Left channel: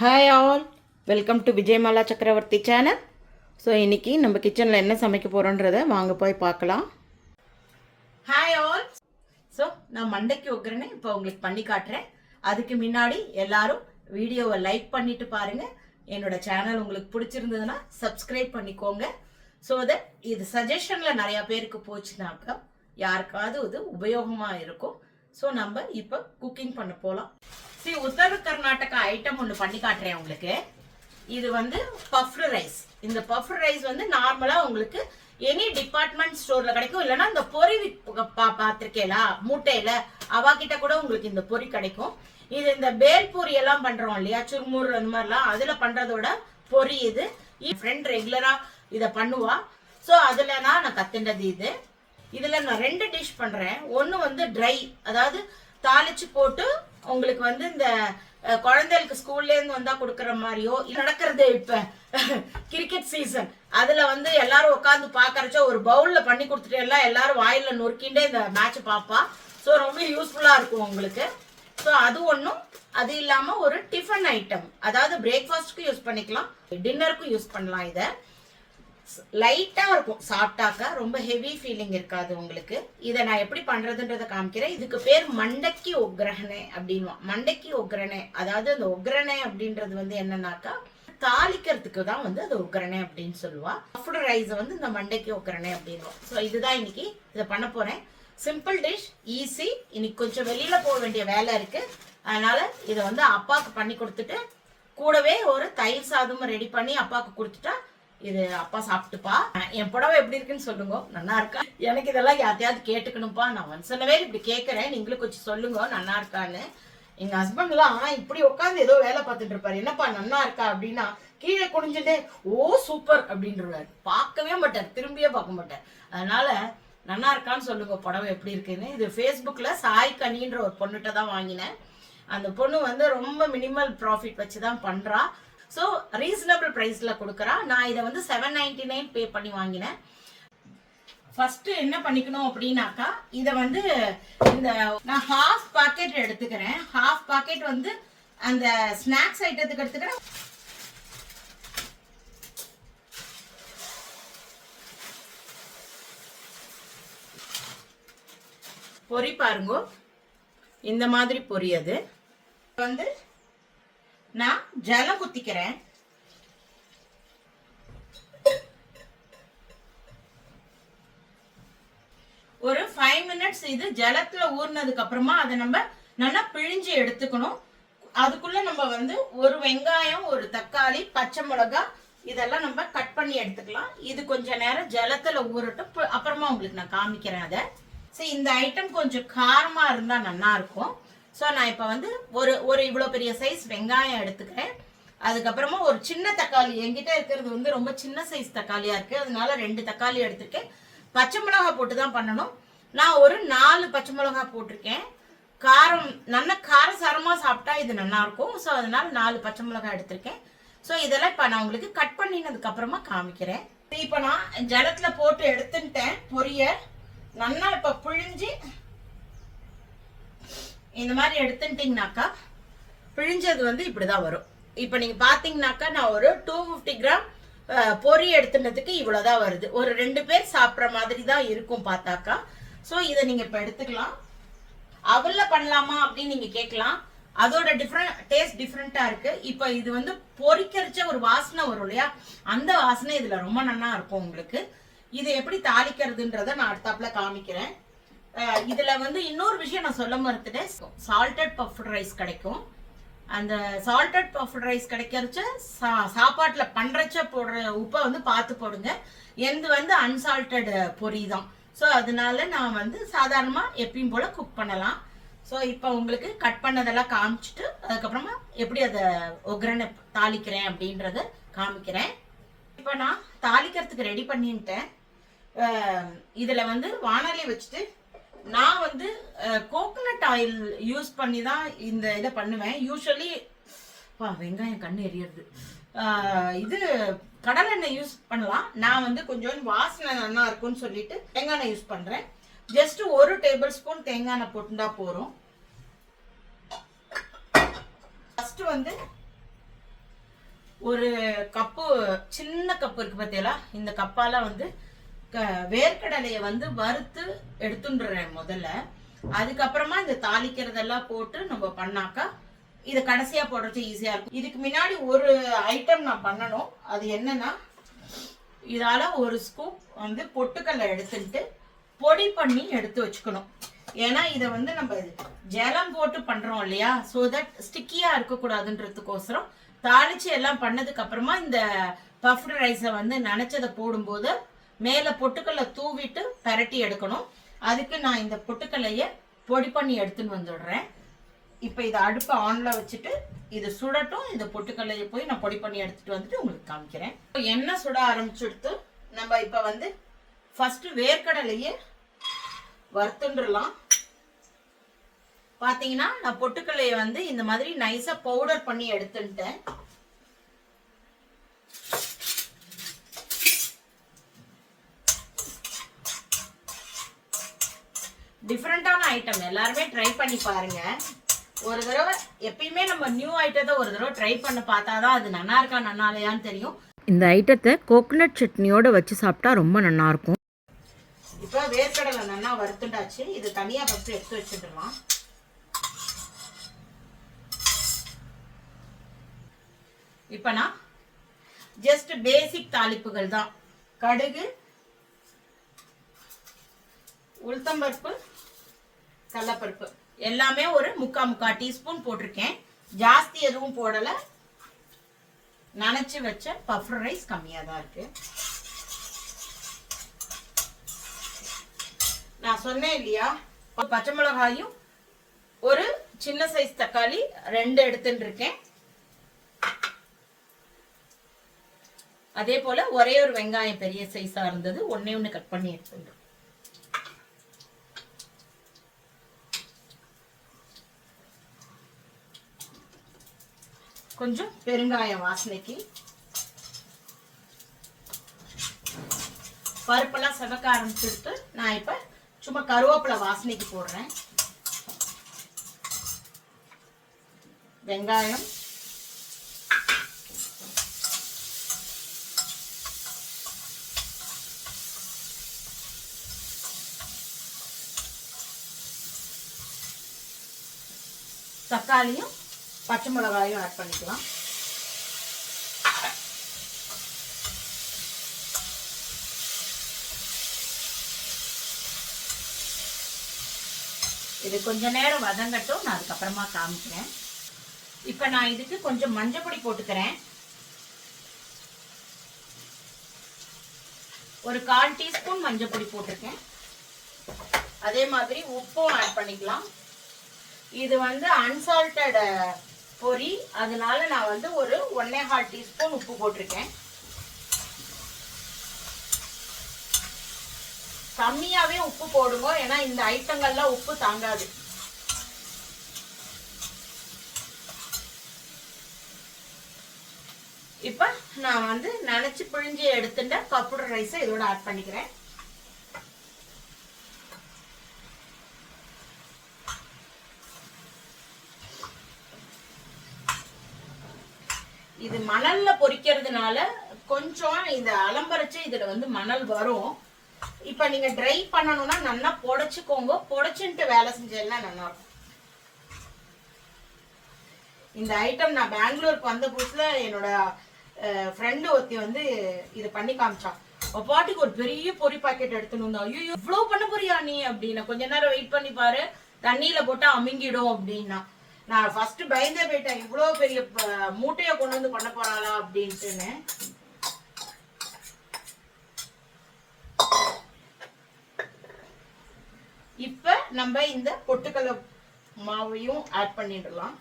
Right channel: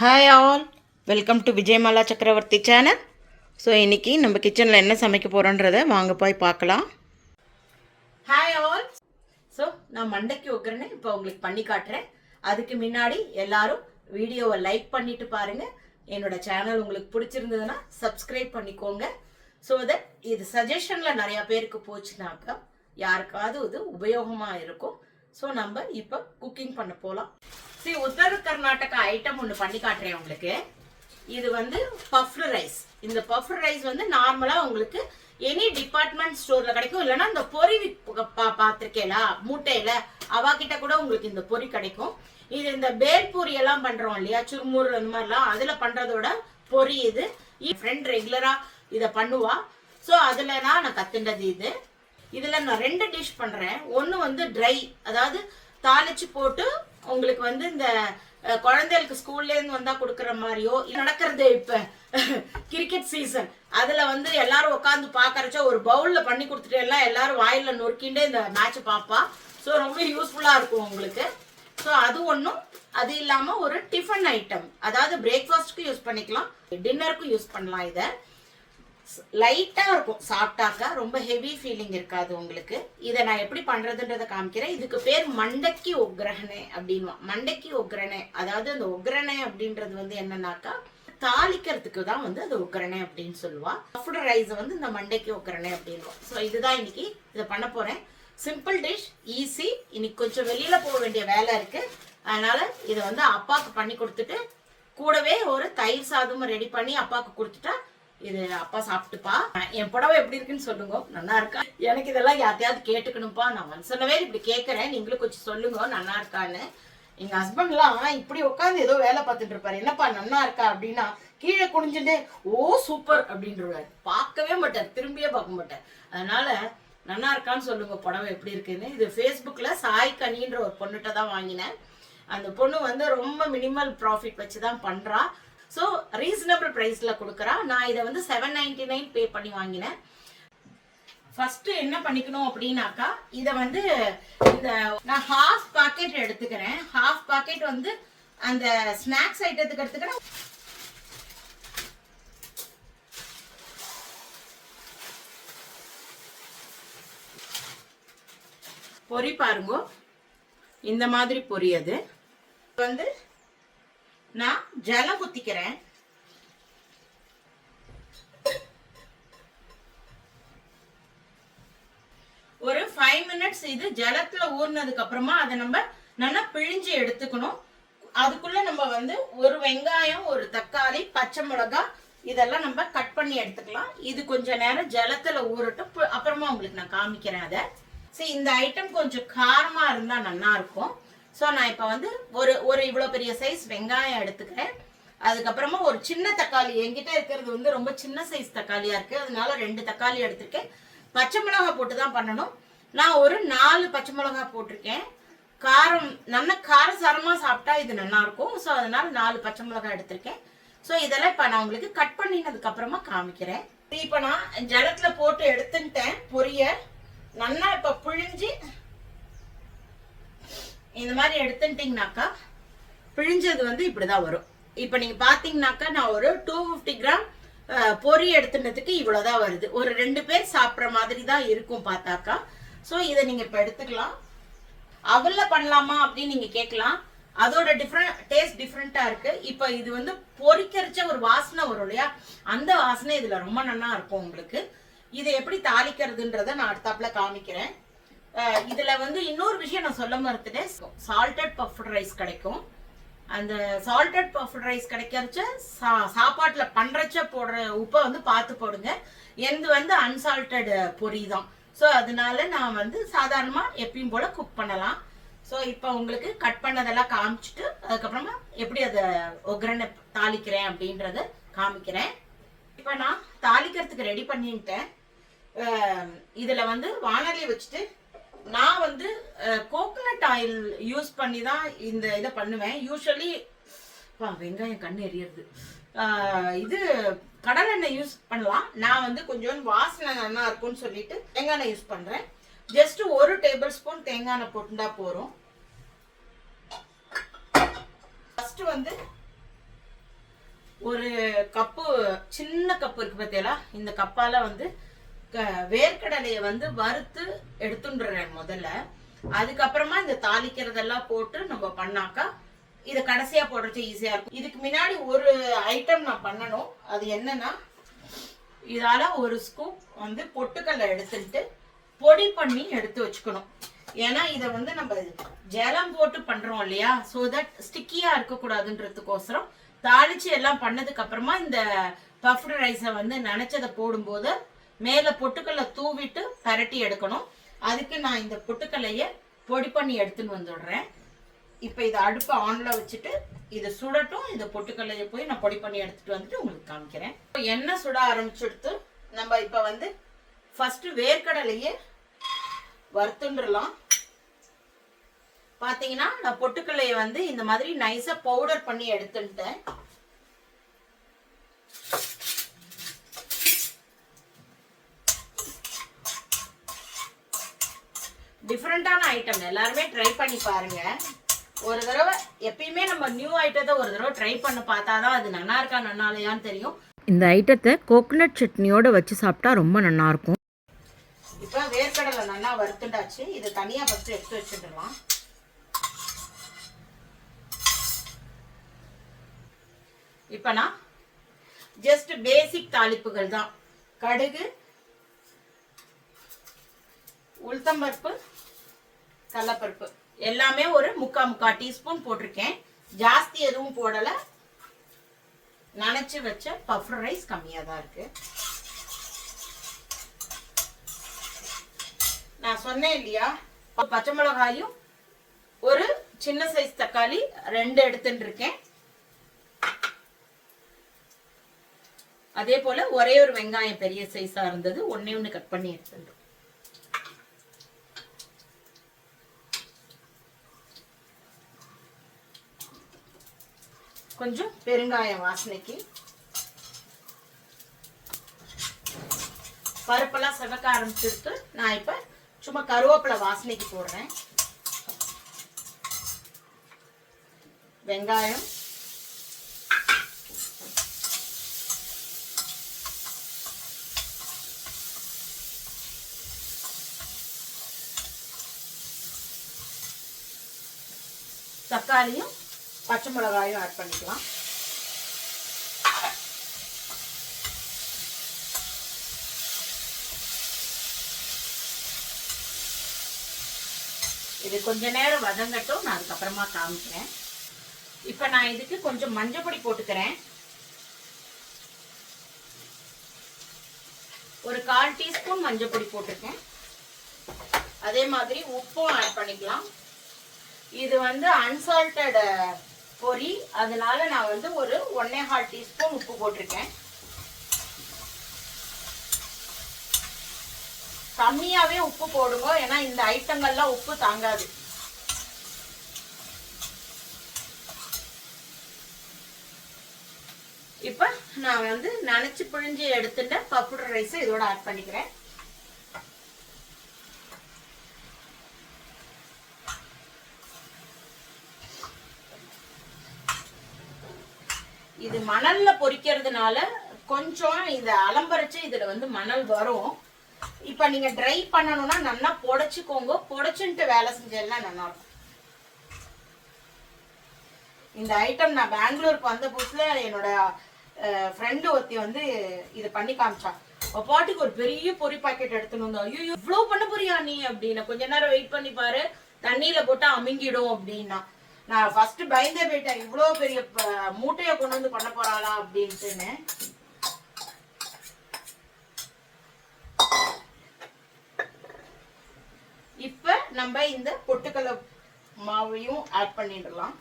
Hi all, welcome to Vijayamala சக்கரவர்த்தி channel. So இன்றைக்கி நம்ம கிச்சனில் என்ன சமைக்க போகிறோன்றதை வாங்க போய் பார்க்கலாம். Hi all. ஸோ நான் மண்டைக்கு ஒக்கிறேன்னு இப்போ உங்களுக்கு பண்ணி காட்டுறேன். அதுக்கு முன்னாடி எல்லாரும் வீடியோவை லைக் பண்ணிட்டு பாருங்கள். என்னோடய சேனல் உங்களுக்கு பிடிச்சிருந்ததுன்னா சப்ஸ்கிரைப் பண்ணிக்கோங்க. ஸோ தட் இது சஜஷனில் நிறையா பேருக்கு போச்சுனாக்கா யாருக்காவது இது உபயோகமாக இருக்கும். ஸோ நம்ம இப்போ குக்கிங் பண்ண போகலாம். உத்தர கர்நாடகா ஐட்டம் ஒன்று பண்ணி காட்டுறேன் உங்களுக்கு. இது வந்து பஃப்டு ரைஸ். இந்த பஃப்டு ரைஸ் வந்து நார்மலாக உங்களுக்கு எனி டிபார்ட்மெண்ட் ஸ்டோரில் கிடைக்கும். இல்லைன்னா இந்த பொறி பார்த்துருக்கேலா மூட்டையில் அவாக்கிட்ட கூட உங்களுக்கு இந்த பொறி கிடைக்கும். இது இந்த பேல்பூரி எல்லாம் பண்ணுறோம் இல்லையா, சுருமுறு அந்த மாதிரிலாம் அதில் பண்ணுறதோட பொறி இது. என் ஃப்ரெண்ட் ரெகுலராக இதை பண்ணுவா. ஸோ அதில் நான் கற்றுண்டது இது. இதில் நான் 2 டிஷ் பண்ணுறேன். ஒன்று வந்து ட்ரை, அதாவது தாளிச்சு போட்டு உங்களுக்கு வந்து இந்த குழந்தைகளுக்கு ஸ்கூல்லேருந்து வந்தால் கொடுக்குற மாதிரியோ நடக்கிறது. இப்போ கிரிக்கெட் சீசன், அதில் வந்து எல்லாரும் உட்காந்து பார்க்கறச்சோ ஒரு பவுலில் பண்ணி கொடுத்துட்டு எல்லாரும் வாயில் நொறுக்கிண்டே இந்த மேட்சை பார்ப்பா. ஸோ ரொம்ப யூஸ்ஃபுல்லாக இருக்கும் உங்களுக்கு. ஸோ அது ஒன்றும், அது இல்லாமல் ஒரு டிஃபன் ஐட்டம், அதாவது பிரேக்ஃபாஸ்ட்டுக்கும் யூஸ் பண்ணிக்கலாம், டின்னருக்கும் யூஸ் பண்ணலாம். இதை லைட்டாக இருக்கும் சாப்பிட்டாக்கா, ரொம்ப ஹெவி ஃபீலிங் இருக்காது உங்களுக்கு. இதை நான் எப்படி பண்ணுறதுன்றதை காமிக்கிறேன். இதுக்கு பேர் மண்டக்கி ஒக்ரனே அப்படின்வா. மண்டக்கி ஒக்ரனே, அதாவது அந்த ஒக்ரனே அப்படின்றது வந்து என்னன்னாக்கா தாளிக்கிறதுக்கு தான் வந்து அது ஒக்ரனே அப்படின்னு சொல்லுவா. பஃப்டு ரைஸை வந்து இந்த மண்டக்கி ஒக்ரனே அப்படின்வோம். ஸோ இதுதான் இன்னைக்கு இதை பண்ண போகிறேன். Simple dish, easy. இன்னைக்கு கொஞ்சம் வெளியில் போக வேண்டிய வேலை இருக்குது. அதனால் இதை வந்து அப்பாவுக்கு பண்ணி கொடுத்துட்டு கூடவே ஒரு தயிர் சாதமும் ரெடி பண்ணி அப்பாவுக்கு கொடுத்துட்டா இது அப்பா சாப்பிட்டுப்பா. என் புடவை எப்படி இருக்குன்னு சொல்லுங்க, நல்லா இருக்கா? எனக்கு இதெல்லாம் யார்த்தையாவது கேட்டுக்கணும்ப்பா. நான் ஒன்சனவே இப்படி கேட்கறேன், நீங்களும் கொஞ்சம் சொல்லுங்க நல்லா இருக்கான்னு. எங்க ஹஸ்பண்ட்லாம் இப்படி உட்காந்து ஏதோ வேலை பார்த்துட்டு இருப்பாரு. என்னப்பா நல்லா இருக்கா அப்படின்னா கீழே குனிஞ்சுட்டு ஓ சூப்பர் அப்படின்றாரு. பார்க்கவே மாட்டார், திரும்பியே பார்க்க மாட்டார். அதனால நல்லா இருக்கான்னு சொல்லுங்க புடவை எப்படி இருக்குன்னு. இது ஃபேஸ்புக்கில் சாய் கனின்ற ஒரு பொண்ணுகிட்ட தான் வாங்கினேன். அந்த பொண்ணு வந்து ரொம்ப மினிமல் ப்ராஃபிட் வச்சு தான் பண்ணுறா. ஸோ ரீசனபிள் ப்ரைஸில் கொடுக்குறா. நான் இதை வந்து 799 பே பண்ணி வாங்கினேன். ஃபஸ்ட்டு என்ன பண்ணிக்கணும் அப்படின்னாக்கா, இதை வந்து இந்த நான் ஹாஃப் பாக்கெட் எடுத்துக்கிறேன். ஹாஃப் பாக்கெட் வந்து அந்த ஸ்நாக்ஸ் ஐட்டத்துக்கு எடுத்துக்கிறேன். பொரி பாருங்க, இந்த மாதிரி பொரி. அது வந்து நான் ஜலம் குத்திக்கிறேன். ஒரு 5 மினிட்ஸ் இது ஜலத்துல ஊறினதுக்கு அப்புறமா அதை நம்ம நல்லா பிழிஞ்சு எடுத்துக்கணும். அதுக்குள்ள நம்ம வந்து ஒரு வெங்காயம், ஒரு தக்காளி, பச்சை மிளகாய் இதெல்லாம் நம்ம கட் பண்ணி எடுத்துக்கலாம். இது கொஞ்ச நேரம் ஜலத்துல ஊறட்டும், அப்புறமா உங்களுக்கு நான் காமிக்கிறேன் அதை. சரி, இந்த ஐட்டம் கொஞ்சம் காரமா இருந்தா நல்லா இருக்கும். ஸோ நான் இப்போ வந்து ஒரு இவ்வளோ பெரிய சைஸ் வெங்காயம் எடுத்துக்கிறேன். அதுக்கப்புறமா ஒரு சின்ன தக்காளி, என்கிட்ட இருக்கிறது வந்து ரொம்ப சின்ன சைஸ் தக்காளியாக இருக்குது, அதனால 2 தக்காளி எடுத்திருக்கேன். பச்சை மிளகாய் போட்டு தான் பண்ணணும். நான் ஒரு 4 பச்சை மிளகாய் போட்டிருக்கேன். காரம் நல்ல காரசாரமாக சாப்பிட்டா இது நல்லாயிருக்கும். ஸோ அதனால 4 பச்சை மிளகாய் எடுத்திருக்கேன். ஸோ இதெல்லாம் இப்போ நான் உங்களுக்கு கட் பண்ணினதுக்கு அப்புறமா காமிக்கிறேன். இப்போ நான் ஜலத்தில் போட்டு எடுத்துட்டேன் பொரிய. நல்லா இப்போ பிழிஞ்சு இந்த மாதிரி எடுத்துட்டீங்கன்னாக்கா பிழிஞ்சது வந்து இப்படிதான் வரும். இப்போ நீங்க பாத்தீங்கன்னாக்கா நான் ஒரு 250 கிராம் பொரி எடுத்துனதுக்கு இவ்வளவுதான் வருது. ஒரு 2 பேர் சாப்பிட்ற மாதிரி தான் இருக்கும் பார்த்தாக்கா. ஸோ இதை நீங்க இப்போ எடுத்துக்கலாம். அவல்ல பண்ணலாமா அப்படின்னு நீங்க கேட்கலாம். அதோட டேஸ்ட் டிஃப்ரெண்டா இருக்கு. இப்போ இது வந்து பொரிக்கரிச்ச ஒரு வாசனை வரும் இல்லையா, அந்த வாசனை இதுல ரொம்ப நல்லா இருக்கும் உங்களுக்கு. இதை எப்படி தாளிக்கிறதுன்றத நான் அடுத்தாப்புல காமிக்கிறேன். இதுல வந்து இன்னொரு விஷயம் நான் சொல்ல மறுத்துட்டேன். சால்டட் பஃப்டு ரைஸ் கிடைக்கும். அந்த சால்டட் பஃப்டு ரைஸ் கிடைக்கிறச்ச சாப்பாட்டுல பண்றச்ச போடுற உப்பை வந்து பார்த்து போடுங்க. எந்த வந்து அன்சால்டட் பொரி தான். ஸோ அதனால நான் வந்து சாதாரணமா எப்பயும் போல குக் பண்ணலாம். ஸோ இப்போ உங்களுக்கு கட் பண்ணதெல்லாம் காமிச்சிட்டு அதுக்கப்புறமா எப்படி அதை ஒக்ரனை தாளிக்கிறேன் அப்படின்றத காமிக்கிறேன். இப்போ நான் தாளிக்கிறதுக்கு ரெடி பண்ணிட்டேன். இதுல வந்து வானொலி வச்சுட்டு நான் வந்து கோகனட் ஆயில் யூஸ் பண்ணி தான் இந்த இதை பண்ணுவேன். யூஸ்வலி வெங்காயம் கண்ணு எரியறது. இது கடலெண்ணெய் யூஸ் பண்ணலாம். நான் வந்து கொஞ்சம் வாசனை நல்லா இருக்கும்னு சொல்லிட்டு தேங்காய் எண்ணெய் யூஸ் பண்றேன். ஜஸ்ட் 1 டேபிள் ஸ்பூன் தேங்காய் எண்ணெய் போட்டுதான் போறோம். ஃபர்ஸ்ட் வந்து ஒரு கப்பு, சின்ன கப்பு இருக்கு பார்த்தீங்களா, இந்த கப்பால வந்து வேர்க்கடலையை வந்து வறுத்து எடுத்துடுறேன் முதல்ல. அதுக்கப்புறமா இந்த தாளிக்கிறதெல்லாம் போட்டு நம்ம பண்ணாக்கா இதை கடைசியா போடுறது ஈஸியா இருக்கும். இதுக்கு முன்னாடி ஒரு ஐட்டம் நான் பண்ணணும். அது என்னன்னா, இதால ஒரு ஸ்கூப் வந்து பொட்டுக்கல்லை எடுத்துட்டு பொடி பண்ணி எடுத்து வச்சுக்கணும். ஏன்னா இதை வந்து நம்ம ஜலம் போட்டு பண்றோம் இல்லையா, ஸோ தட் ஸ்டிக்கியா இருக்கக்கூடாதுன்றதுக்கோசரம் தாளிச்சு எல்லாம் பண்ணதுக்கு அப்புறமா இந்த பஃப்டு ரைஸை வந்து நினைச்சதை போடும்போது மேலே பொட்டுக்கல்லை தூவிட்டு பரட்டி எடுக்கணும். அதுக்கு நான் இந்த பொட்டுக்கல்லையை பொடி பண்ணி எடுத்துன்னு வந்துடுறேன். இப்போ இதை அடுப்பை ஆன்ல வச்சுட்டு இது சுடட்டும். இந்த பொட்டுக்கல்லையை போய் நான் பொடி பண்ணி எடுத்துட்டு வந்துட்டு உங்களுக்கு காமிக்கிறேன். எண்ணெய் சுட ஆரம்பிச்சுடுத்து நம்ம இப்போ வந்து ஃபர்ஸ்ட் வேர்க்கடலையே வறுத்துண்டுலாம். பாத்தீங்கன்னா நான் பொட்டுக்கல்லையை வந்து இந்த மாதிரி நைஸா பவுடர் பண்ணி எடுத்துட்டேன். டிஃப்ரெண்டான ஐட்டம் எல்லாருமே ட்ரை பண்ணி பாருங்க. ஒரு தடவை எப்பயுமே நம்ம நியூ ஐட்டத்தை ஒரு தடவை ட்ரை பண்ண பார்த்தாதான் அது நல்லா இருக்கா நல்லா இல்லையான்னு தெரியும். இந்த ஐட்டத்தை கோகனட் சட்னியோட வச்சு சாப்பிட்டா ரொம்ப நல்லா இருக்கும். இப்போ வேர்க்கடலை நல்லா வறுத்துட்டாச்சு. இது தனியா ஃபர்ஸ்ட் எடுத்து வச்சுடலாம். இப்போ நான் ஜஸ்ட் பேசிக் தாளிப்புகள் தான். கடுகு, உளுத்தம்பருப்பு, கடலைப்பருப்பு எல்லாமே ஒரு முக்கா டீஸ்பூன் போட்டிருக்கேன். ஜாஸ்தி எதுவும் போடல. நனைச்சு வச்ச பஃப்டு ரைஸ் கம்மியா தான் இருக்கு. நான் சொன்னேன் இல்லையா, பச்சை மிளகாயும் ஒரு சின்ன சைஸ் தக்காளி 2 எடுத்துட்டு இருக்கேன். அதே போல ஒரே ஒரு வெங்காயம் பெரிய சைஸா இருந்தது, ஒண்ணு கட் பண்ணி எடுத்துட்டு. கொஞ்சம் பெருங்காயம் வாசனைக்கு. பருப்பெல்லாம் சகக்க ஆரம்பிச்சுட்டு நான் இப்ப சும்மா கருவேப்பிலை வாசனைக்கு போடுறேன். வெங்காயம், தக்காளியும் பச்சை மிளகாயும் ஆட் பண்ணிக்கலாம். இது கொஞ்ச நேரம் வதங்கட்டும், நான் அதுக்கப்புறமா காமிக்கிறேன். இப்ப நான் இதுக்கு கொஞ்சம் மஞ்சள் பொடி போட்டுக்கிறேன். ஒரு 1/4 டீஸ்பூன் மஞ்சள் பொடி போட்டிருக்கேன். அதே மாதிரி உப்பும் ஆட் பண்ணிக்கலாம். இது வந்து அன்சால்டட் பொரி, அதனால நான் வந்து ஒரு 1.25 டீஸ்பூன் உப்பு போட்டிருக்கேன். கம்மியாவே உப்பு போடுங்க, ஏன்னா இந்த ஐட்டங்கள்லாம் உப்பு தாங்காது. இப்ப நான் வந்து நனைச்சு பிழிஞ்சு எடுத்துட்ட பஃப்டு ரைஸை இதோட ஆட் பண்ணிக்கிறேன். இது மணல்ல பொரிக்கிறதுனால கொஞ்சம் இந்த அலம்பரைச்சு இதுல வந்து மணல் வரும். இப்ப நீங்க ட்ரை பண்ணணும்னா நல்லா புடைச்சுக்கோங்க. புடைச்சுட்டு வேலை செஞ்சேன்னா நல்லா இருக்கும். இந்த ஐட்டம் நான் பெங்களூருக்கு வந்த புதுசுல என்னோட ஃப்ரெண்டு ஒருத்தி வந்து இது பண்ணி காமிச்சா. பாட்டுக்கு ஒரு பெரிய பொரி பாக்கெட் எடுத்துன்னு வந்தா. ஐயோ இவ்வளவு பண்ண போறியா நீ அப்படின்னு. கொஞ்ச நேரம் வெயிட் பண்ணி பாரு, தண்ணியில போட்டா அமுங்கிடும் அப்படின்னா. நான் ஃபர்ஸ்ட் பயந்தே போயிட்டேன், இவ்வளவு பெரிய மூட்டையை கொண்டு வந்து பண்ண போறாளா அப்படின்ட்டுன்னு. இப்ப நம்ம இந்த பொட்டுக்கடலை மாவையும் ஆட் பண்ணிடலாம்.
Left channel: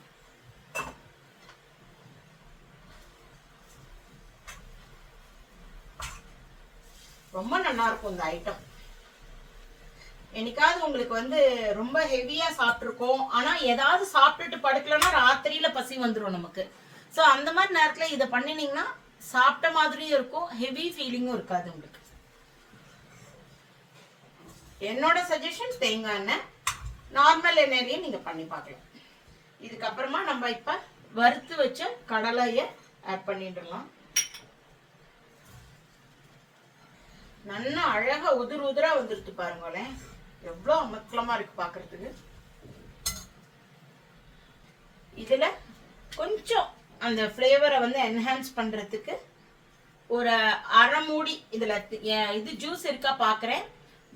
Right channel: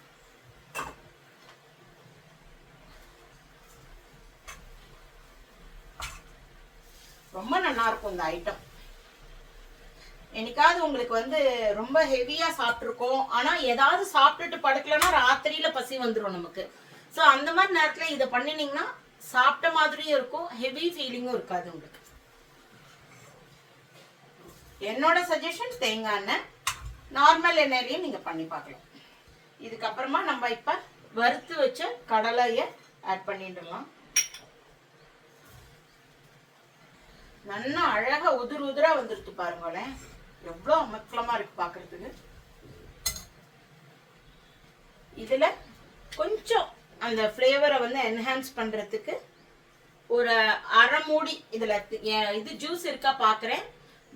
ரொம்ப நல்லா இருக்கும் இந்த ஐட்டம். என்னைக்காவது உங்களுக்கு வந்து ரொம்ப ஹெவியா சாப்பிட்டுருக்கோம், ஆனா ஏதாவது சாப்பிட்டுட்டு படுக்கலன்னா ராத்திரியில பசி வந்துடும் நமக்கு. ஸோ அந்த மாதிரி நேரத்துல இதை பண்ணினீங்கன்னா சாப்பிட்ட மாதிரியும் இருக்கும், ஹெவி ஃபீலிங்கும் இருக்காது உங்களுக்கு. என்னோட சஜஷன் தேங்காய் எண்ணெய், நார்மல் எண்ணெயிலையும் நீங்க பண்ணி பார்க்கலாம். இதுக்கப்புறமா நம்ம இப்ப வறுத்து வச்ச கடலையை ஆட் பண்ணிடலாம். நல்லா அழகா உதிரா வந்துருக்கு பாருங்களேன், எவ்வளோ அமக்கலமா இருக்கு பார்க்கறதுக்கு. இதுல கொஞ்சம் அந்த ஃப்ளேவரை வந்து என்ஹான்ஸ் பண்றதுக்கு ஒரு அரை மூடி இதுல இது ஜூஸ் இருக்கா பாக்குறேன்.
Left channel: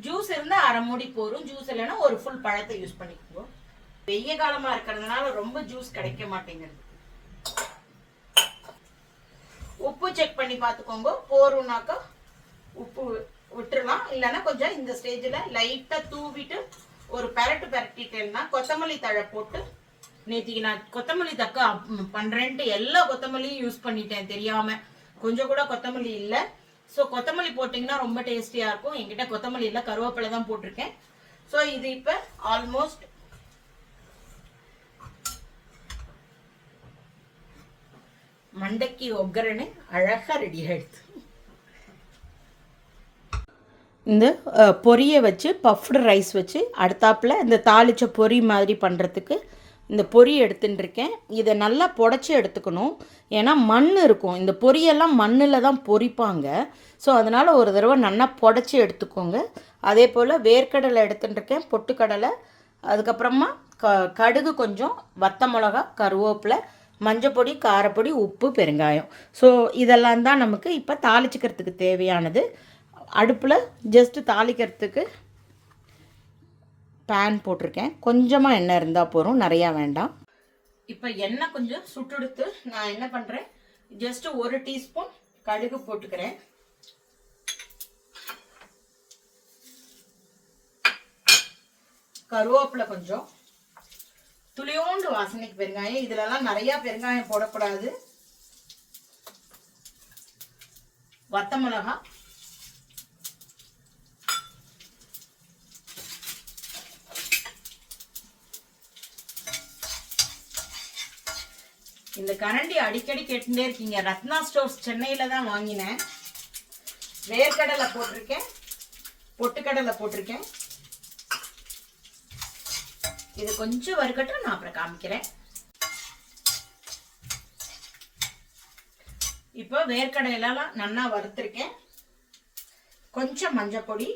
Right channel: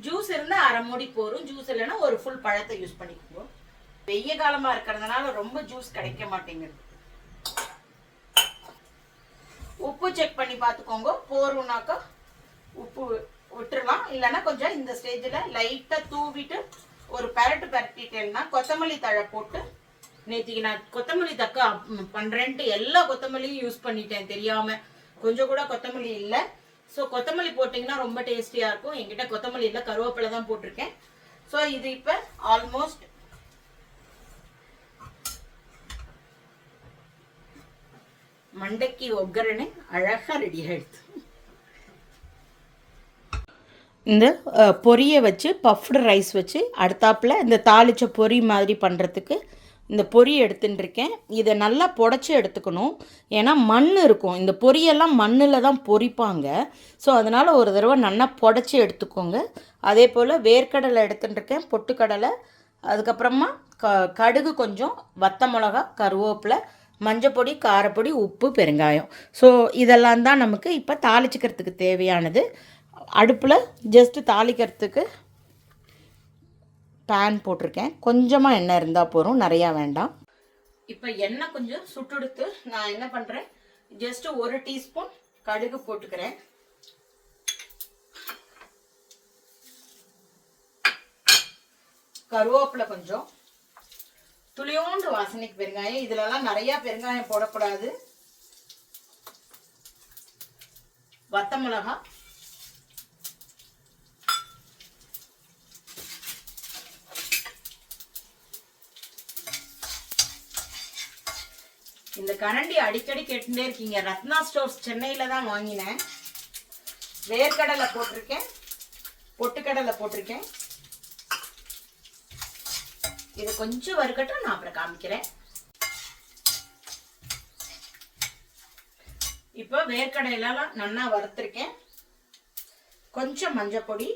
ஜூஸ் இருந்தா அரை மூடி போரும், ஜூஸ் இல்லைன்னா ஒரு ஃபுல் பழத்தை யூஸ் பண்ணிக்குவோம். வெய்ய காலமா இருக்கிறதுனால ரொம்ப ஜூஸ் கிடைக்க மாட்டேங்குது. உப்பு செக் பண்ணி பார்த்துக்கோங்க, போரும்னாக்கா உப்பு விட்டுறலாம். இல்லைன்னா கொஞ்சம் இந்த ஸ்டேஜில் லைட்டாக தூவிட்டு ஒரு பரட்டிட்டேன்னா கொத்தமல்லி தழை போட்டு, நேற்றுக்கு நான் கொத்தமல்லி தக்கா பண்ணுறேன்ட்டு எல்லா கொத்தமல்லியும் யூஸ் பண்ணிட்டேன் தெரியாம, கொஞ்சம் கூட கொத்தமல்லி இல்லை. ஸோ கொத்தமல்லி போட்டிங்கன்னா ரொம்ப டேஸ்டியாக இருக்கும். என்கிட்ட கொத்தமல்லி இல்லை, கருவேப்பிலை தான் போட்டிருக்கேன். ஸோ இது இப்போ ஆல்மோஸ்ட் மண்டைக்கு ஒக்கரணை அழகாக ரெடி ஆயிடுது. இந்த பொரியை வச்சு பஃப்டு ரைஸ் வச்சு அடுத்தாப்பில் இந்த தாளிச்ச பொரி மாதிரி பண்ணுறதுக்கு இந்த பொரி எடுத்துட்டுருக்கேன். இதை நல்லா புடச்சி எடுத்துக்கணும், ஏன்னா மண் இருக்கும். இந்த பொரியெல்லாம் மண்ணில் தான் பொரிப்பாங்க. ஸோ அதனால் ஒரு தடவை நல்லா புடச்சி எடுத்துக்கோங்க. அதே போல் வேர்க்கடலை எடுத்துட்டுருக்கேன், பொட்டுக்கடலை, அதுக்கப்புறமா கடுகு, கொஞ்சம் வத்த மிளகா, கருவேப்பிலை, மஞ்சப்பொடி, காரப்பொடி, உப்பு, பெருங்காயம். ஸோ இதெல்லாம் தான் நமக்கு இப்போ தாளிச்சிக்கிறதுக்கு தேவையானது. அடுப்பில் ஜஸ்ட்டு தாளிக்கிறதுக்கு பேன் போட்டிருக்கேன். கொஞ்சமாக எண்ணெய் இருந்தால் போதும், நிறையா வேண்டாம். இப்போ எண்ணெய் கொஞ்சம் சுட்டுடுத்து நான் என்ன பண்ணுறேன், ஜஸ்ட்டு 1 டீஸ்பூன் கடுகு போட்டுக்கிறேன். கருவேப்பிலை கொஞ்சம், துளியோண்டு வாசனைக்கு பெருங்காயம். இதுலலாம் நிறையா பெருங்காயம் போடக்கூடாது. வத்த மிளகா, இந்த கரண்டி அடிக்கடி கேட்டுட்டே இருக்கீங்க, ரத்னா ஸ்டோர்ஸ் சென்னையில தான் வாங்கினேன். வேர்க்கடலை போட்டிருக்கேன், பொட்டுக்கடலை போட்டிருக்கேன். இது கொஞ்சம் வறுக்கட்டும், நான் அப்புறம் காமிக்கிறேன். இப்போ வேர்க்கடையெல்லாம் நல்லா வறுத்திருக்கேன். கொஞ்சம் மஞ்சள் பொடி,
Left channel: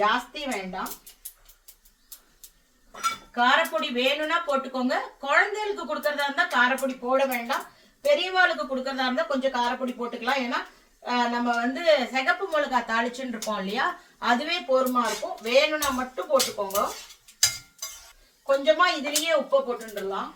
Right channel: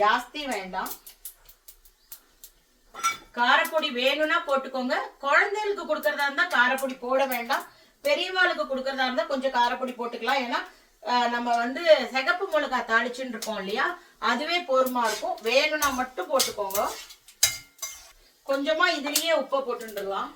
ஜாஸ்தி வேண்டாம். காரப்பொடி வேணும்னா போட்டுக்கோங்க. குழந்தைகளுக்கு கொடுக்கறதா இருந்தா காரப்பொடி போட வேண்டாம். பெரியவாளுக்கு கொடுக்கறதா இருந்தா கொஞ்சம் காரப்பொடி போட்டுக்கலாம். ஏன்னா நம்ம வந்து சிகப்பு மிளகாய் தாளிச்சுன்னு இருக்கோம் இல்லையா, அதுவே போருமா இருக்கும். வேணும்னா மட்டும் போட்டுக்கோங்க. கொஞ்சமா இதுலயே உப்பு போட்டுடலாம்.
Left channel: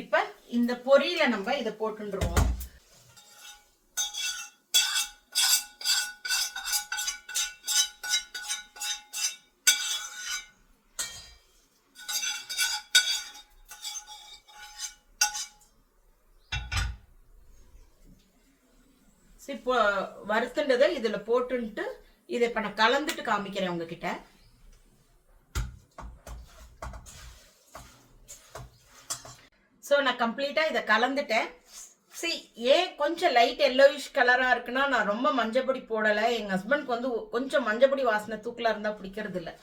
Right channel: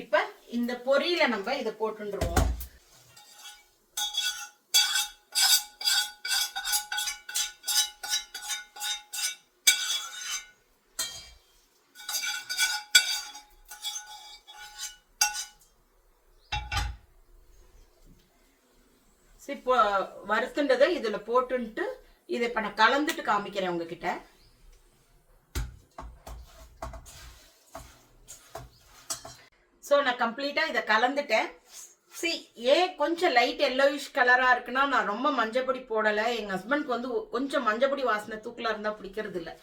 இப்ப இந்த பொரியில நம்ம இதை போட்டுருவோம். இப்போ வறுத்துண்டதை இதுல போட்டுட்டு இதை இப்ப நான் கலந்துட்டு காமிக்கிறேன் உங்ககிட்ட. ஸோ நான் கம்ப்ளீட்டா இதை கலந்துட்டேன். கொஞ்சம் லைட் எல்லோயிஷ் கலரா இருக்குன்னா நான் ரொம்ப மஞ்சப்பொடி போடலை. எங்க ஹஸ்பண்ட்க்கு வந்து கொஞ்சம் மஞ்சப்பொடி வாசனை தூக்கலா இருந்தா பிடிக்கிறது இல்லை.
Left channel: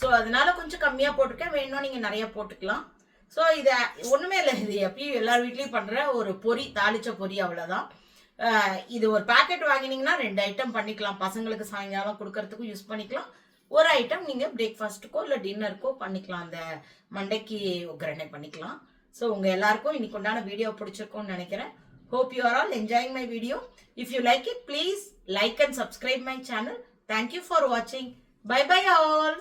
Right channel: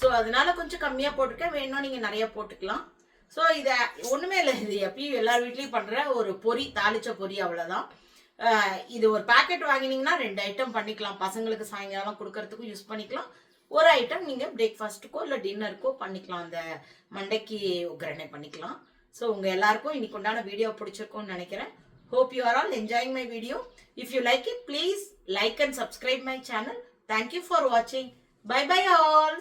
ஸோ அதனால கொஞ்சம் கம்மியா போட்டிருக்கேன். வேணும்னா நீங்க நிறைய போட்டுக்கலாம். ஸோ இதை ஒண்ணுமே இல்லை, இது எப்பயும் எல்லார் வீட்லயும் பண்ற ஒரு பொரி, தாளிச்ச பொரி, அவ்வளவுதான். இது ஒரு பேக்கெட் வாங்கினீங்கன்னா 2 ஐட்டம் பண்ணிக்கலாம். பசங்களுக்கு சாயங்காலம் கொடுக்கறதுக்கும் யூஸ் பண்ணிக்கலாம். ஒரு ஐட்டம் நீங்க பிரேக்ஃபாஸ்ட்டுக்கோ இல்லை டின்னருக்கோ பண்ணிக்கலாம். அந்த மண்டைக்கு ஒக்கரணை பண்ணிக்கலாம். ஸோ உங்க எல்லாருக்கும் இன்னைக்கு உண்டான வீடியோ பிடிச்சிருக்கும்னு நினைக்கிறேன். Hope you are all enjoying my video. If you like it, please like and subscribe my channel. Thank you for watching. Bye bye all.